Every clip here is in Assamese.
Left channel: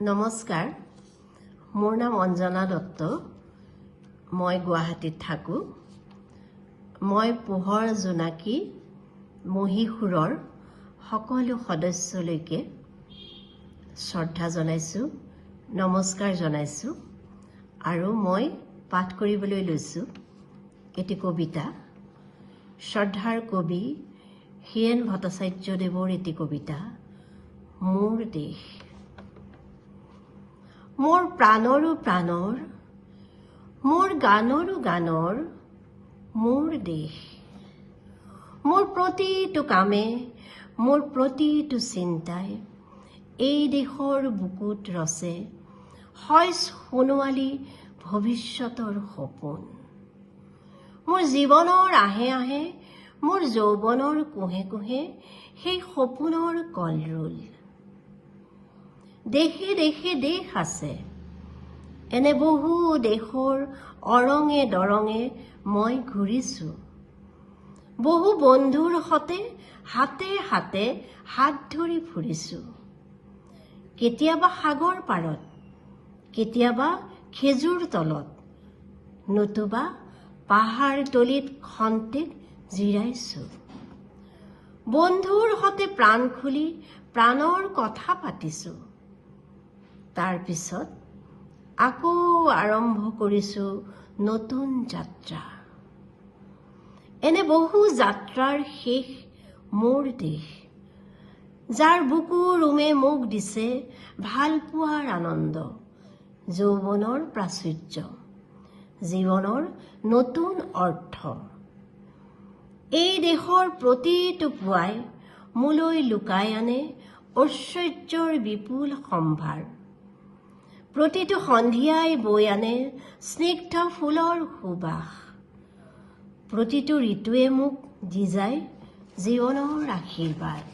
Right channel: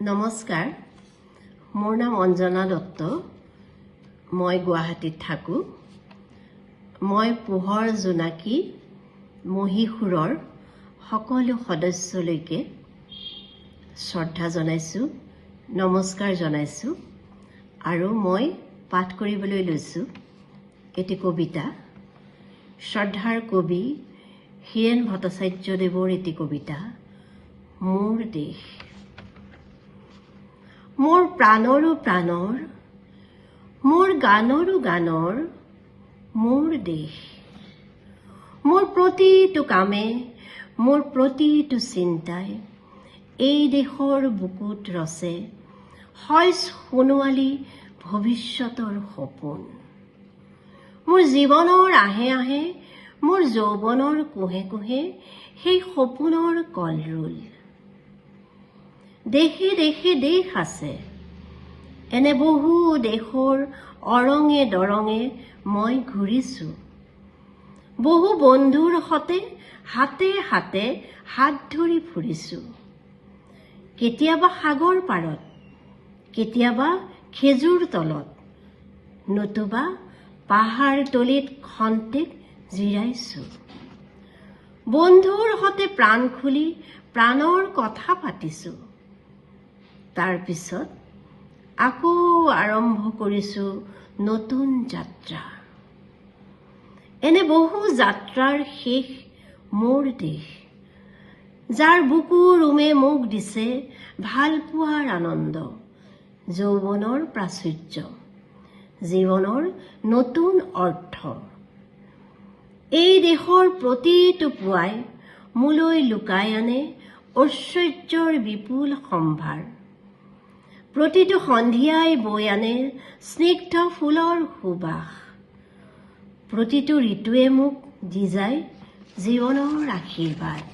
নমস্কাৰ, মোৰ নাম অঞ্জনা দত্ত। মই গুৱাহাটীত থাকোঁ। মই পোহৰ জোনাকী মহীশূৰৰ সকলো সদস্যলৈকে শ্ৰদ্ধা জনাইছোঁ, নমস্কাৰ জনাইছোঁ। আৰু মই পাঠ কৰিবলৈ লৈছোঁ এটি কবিতা, শ্ৰদ্ধাৰ কবি হীৰেন ভট্টাচাৰ্যদেৱৰ এটি কবিতা, মোৰ দেশ। মোৰ প্ৰাণৰো প্ৰাণৰ, মোৰ গানৰো গানৰ, মোৰ দেশ। মোৰ প্ৰতিটো কামে, মোৰ প্ৰতিটো চিন্তাই এই দেশৰ বুকুত ৰচে হয় সোণোৱালী ভৱিষ্যতৰ সপোন। মোৰ জীৱনৰ আহে আহে, মোৰ যৌৱনৰ কোহে কোহে সেই সপোনৰ কলৰোল। দেশে দেশে দেশ আছে, এনে বহু দেশৰ অৰঙে দৰঙে মই ঘূৰিছোঁ। বহু বন্ধুৰ সতে হাতে হাতে হাত ধৰি ফুৰিছোঁ। কেতিয়াবা সাগৰ পাৰত, কেতিয়াবা খেজুৰ তলত, নতুবা পাহাৰ তলিত খন্তেক জিৰাইছোঁ। বন্ধুৰ সতে প্ৰাণ খুলি প্ৰাণৰ কথা পাতিছোঁ। তাৰ পিছত আকৌ আৰম্ভ কৰিছোঁ নতুন যাত্ৰা। এনে বহু যাত্ৰাৰ শেষ মোৰ দেশ, যাৰ বুকুৰ ৰুমে মোক দিছে ভাল পোৱাৰ আনন্দ, যৌৱনৰ প্ৰাচুৰ্য, জীৱনৰ নতুন অৰ্থ। এই দেশৰ প্ৰতিটো পুৱাই মোলৈ লুকাই আনে ঐশ্বৰ্যৰ বিপুল সম্ভাৰ। প্ৰতিটো সন্ধিয়াই বৈ আনে স্নিগ্ধ ফুলৰ সুবাস। প্ৰতিটো ঋতুৱে মোক দি যায় জীৱনৰ আশীৰ্বাদ।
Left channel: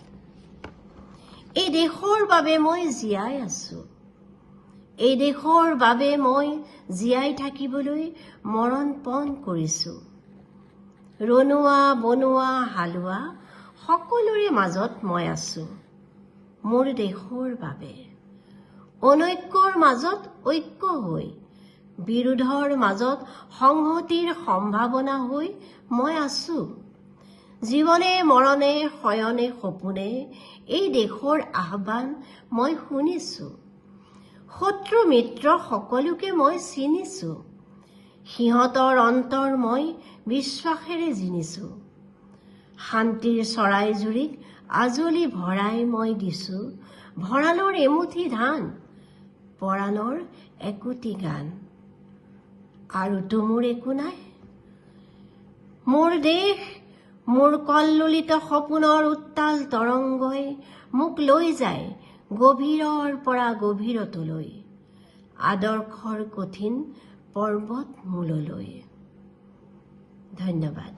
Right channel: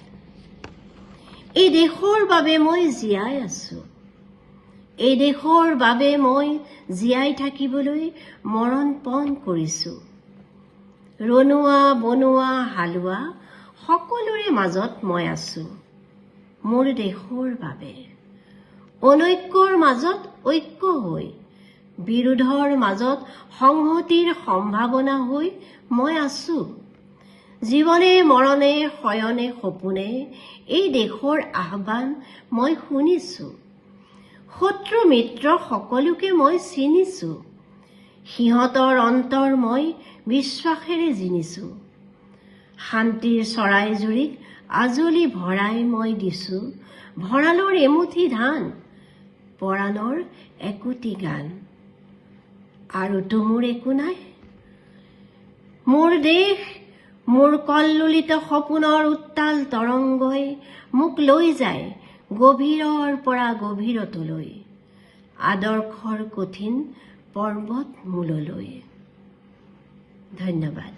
এই দেশৰ বাবে মই জীয়াই আছোঁ, এই দেশৰ বাবে মই জীয়াই থাকিবলৈ মৰণ পণ কৰিছোঁ। ৰনোৱা বনোৱা হালোৱা সকলোৰে মাজত মই আছোঁ মোৰ দেশৰ বাবে। অনৈক্যৰ মাজত ঐক্য হৈ, বিৰোধৰ মাজত সংহতিৰ সম্ভাৱনা হৈ মই আছোঁ। জীৱনে মৰণে শয়নে সপোনে এই দেশৰ আহ্বান মই শুনিছোঁ। শত্ৰু মিত্ৰ সকলোকে মই চিনিছোঁ। সিহঁতৰ অন্তৰ মই বিশ্বাসেৰে জিনিছোঁ। শান্তিৰ চৰাইজুৰিক আজলি ভৰাই মই দিছোঁ ভঁৰালৰ এমুঠি ধান, পৰাণৰ একোটি গান। আৰুতো মোৰ একো নাই। মোৰ দেশ, মোৰ কল্লোলিত সপোনৰ উত্তাল তৰংগই মোক লৈ যায় গভীৰৰ পৰা গভীৰতলৈ, আদৰ্শৰ কঠিন পৰ্বত মূললৈ। ধন্যবাদ।